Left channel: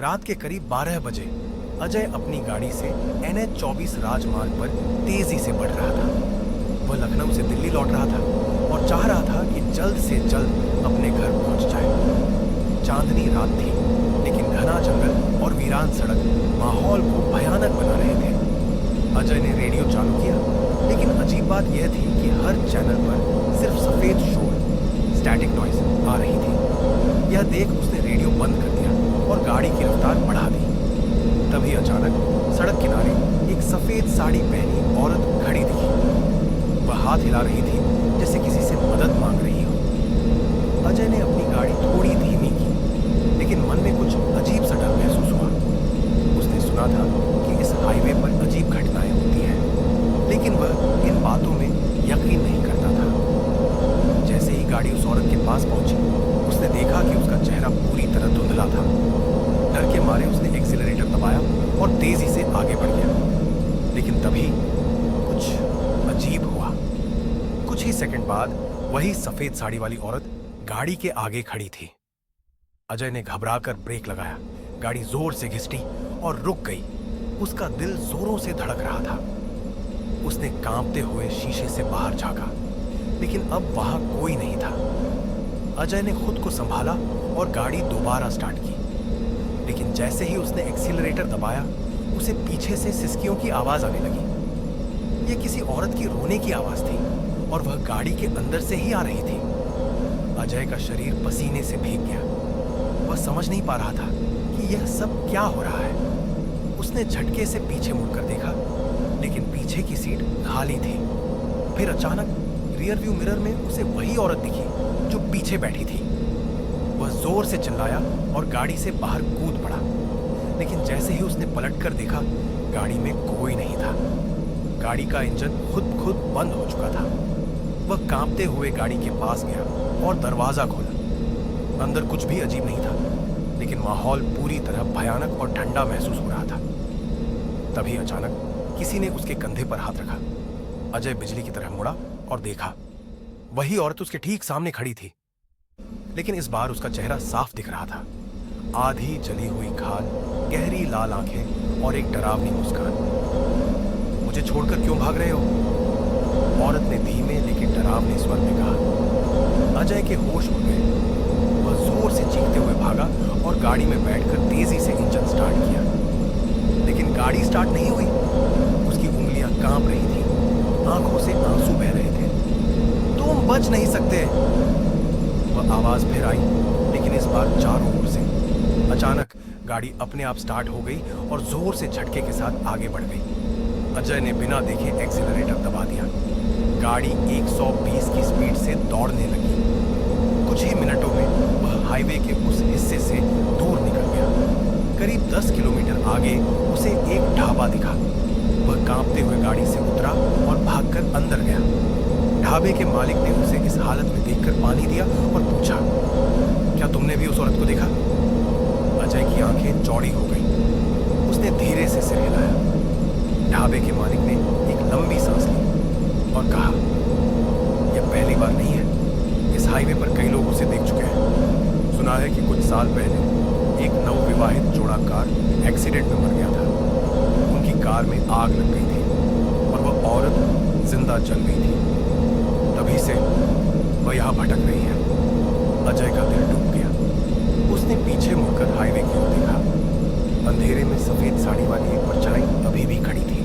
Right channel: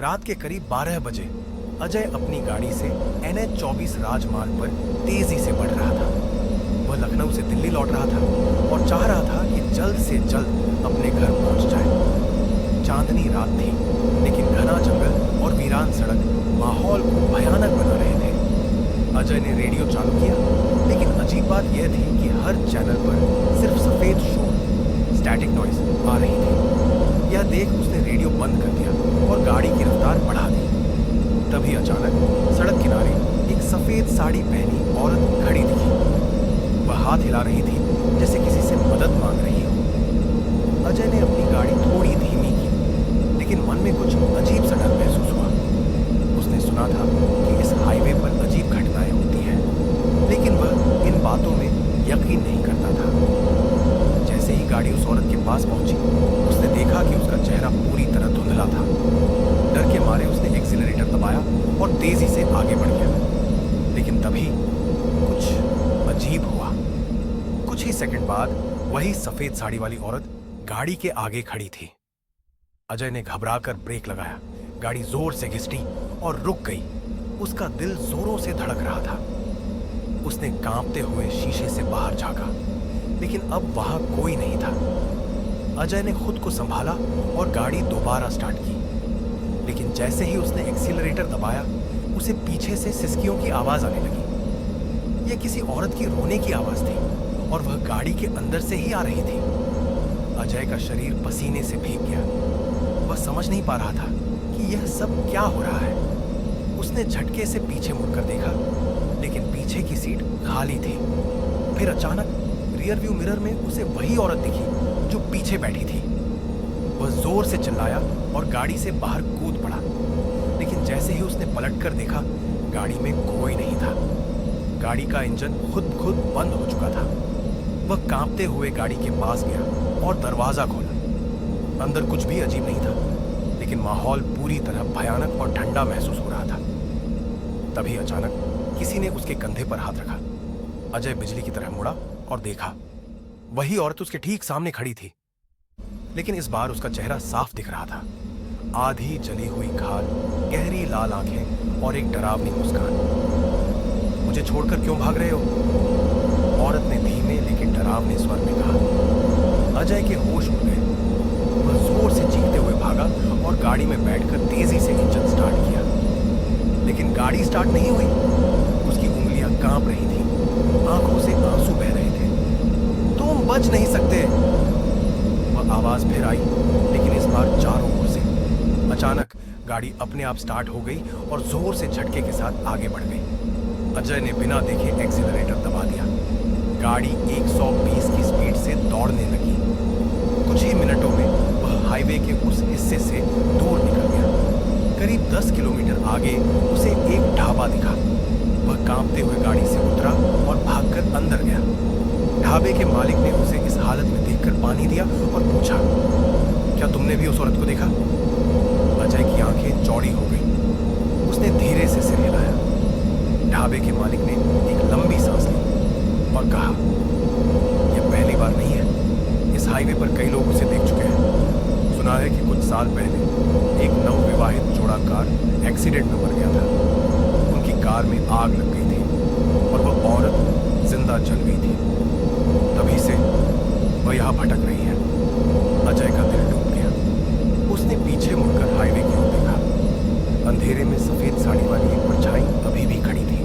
रात के करीब 12 बजे अजय अपनी गाड़ी से NH-24 राजमार्ग पर तेजी से बढ़ रहा था। वह लखनऊ से दिल्ली लौट रहा था और चाह रहा था कि जल्द से जल्द अपने घर पहुंच जाए। चांदनी रात थी, लेकिन घना जंगल और वीरान सड़क माहौल को भयानक बना रहे थे। अजय ने रेडियो चालू किया, लेकिन अजीब बात यह थी कि हर चैनल पर सिर्फ सफेद शोर, स्टैटिक नॉइज आ रही थी। यह देख उसने रेडियो बंद कर दिया और गाड़ी की रफ्तार बढ़ा दी। तभी अचानक सड़क किनारे एक सफेद साड़ी पहनी औरत खड़ी दिखी। वह हाथ हिला रही थी जैसे किसी से मदद मांग रही हो। अजय ने अपनी गाड़ी थोड़ी धीमी की, लेकिन मन में कुछ अजीब सा डर महसूस हुआ। उसने सुना था कि इस हाईवे पर अजीब घटनाएं होती हैं, लेकिन वह इन बातों में यकीन नहीं करता था। जैसे ही गाड़ी उस औरत के पास पहुंची, उसने देखा कि उसका चेहरा पूरी तरह धुंधला था। डर के मारे उसने एक्सीलरेटर दबाया और तेजी से आगे बढ़ गया। लेकिन तभी कुछ अजीब हुआ। कुछ ही सेकंड बाद वही सफेद साड़ी वाली औरत गाड़ी के आगे खड़ी थी। अजय ने घबराकर ब्रेक लगाया। गाड़ी जोर से घिसटी और रुक गई। उसका दिल जोरों से धड़क रहा था। उसने कांपते हुए शीशे से बाहर झांका, लेकिन अब वहां कोई नहीं था। अजय ने खुद को संभाला और गाड़ी दोबारा स्टार्ट की, लेकिन जैसे ही उसने एक्सीलरेटर दबाया, उसे पीछे से सिसकियों की आवाज आने लगी। यह किसी औरत की रोने की आवाज थी और वह गाड़ी के अंदर से ही आ रही थी। अजय का शरीर पसीने से भीग गया। वह समझ नहीं पा रहा था कि यह सब क्या हो रहा है। उसने झटके से पीछे मुड़कर देखा, लेकिन पीछे की सीट खाली थी। फिर अचानक रियर व्यू मिरर में उसे वही औरत दिखी जो पीछे बैठी थी। वह जोर से चिल्लाया और गाड़ी से बाहर कूद पड़ा, लेकिन जैसे ही उसने पलटकर देखा, गाड़ी में कोई नहीं था। गाड़ी का इंजन खुद बंद हो चुका था। वह कांपते हुए गाड़ी के पास गया और दरवाजा खोला। अंदर कुछ भी अजीब नहीं था, लेकिन माहौल पूरी तरह भयानक और ठंडा महसूस हो रहा था। तभी अचानक किसी ने उसके कंधे पर हाथ रखा। अजय बिजली की तरह मुड़ा और देखा, वही औरत उसके ठीक सामने खड़ी थी, लेकिन इस बार उसका चेहरा साफ दिख रहा था। आधी जली हुई खाल, गहरी लाल आंखें और एक डरावनी मुस्कान। मुझे छोड़कर क्यों भाग रहे हो? औरत ने धीमे लेकिन डरावने स्वर में कहा। अजय के होश उड़ गए। वह जोर से चीखते हुए भागा और गाड़ी में बैठकर तेजी से इंजन स्टार्ट किया, लेकिन गाड़ी स्टार्ट नहीं हुई। उसकी उंगलियां कांप रही थी, आंखों से आंसू बह रहे थे। तुम बच नहीं सकते। वह आवाज फिर आई, लेकिन इस बार चारों ओर से। अचानक गाड़ी अपने आप स्टार्ट हो गई और जोर से झटके के साथ आगे बढ़ गई। अजय ने बिना देखे एक्सीलरेटर दबा दिया। गाड़ी 120 की स्पीड से दौड़ने लगी। कुछ ही मिनटों में वह हाईवे के उस हिस्से से दूर निकल गया। करीब 10 किलोमीटर आगे उसे एक ढाबा दिखा। वह कांपते हुए गाड़ी से उतरा और भागकर अंदर गया। ढाबे के मालिक ने उसे इस हालत में देखकर पानी दिया और पूछा, क्या तुमने भी उस औरत को देखा? अजय की आंखें चौड़ी हो गई। उसने धीरे से सिर हिलाया। ढाबे के मालिक ने एक लंबी सांस ली और कहा, यह पहली बार नहीं है। इस हाईवे पर कई लोग उसे देख चुके हैं। सुना है कि कुछ साल पहले एक नवविवाहित जोड़ा कार एक्सीडेंट में मर गया था। उनकी कार में आग लग गई थी और वह औरत जिंदा जल गई थी। तभी से वह यहां भटक रही है। अजय का दिल डूब गया। उसने पीछे मुड़कर हाईवे की ओर देखा। अंधेरे में सफेद साड़ी वाली एक परछाई अभी भी खड़ी थी।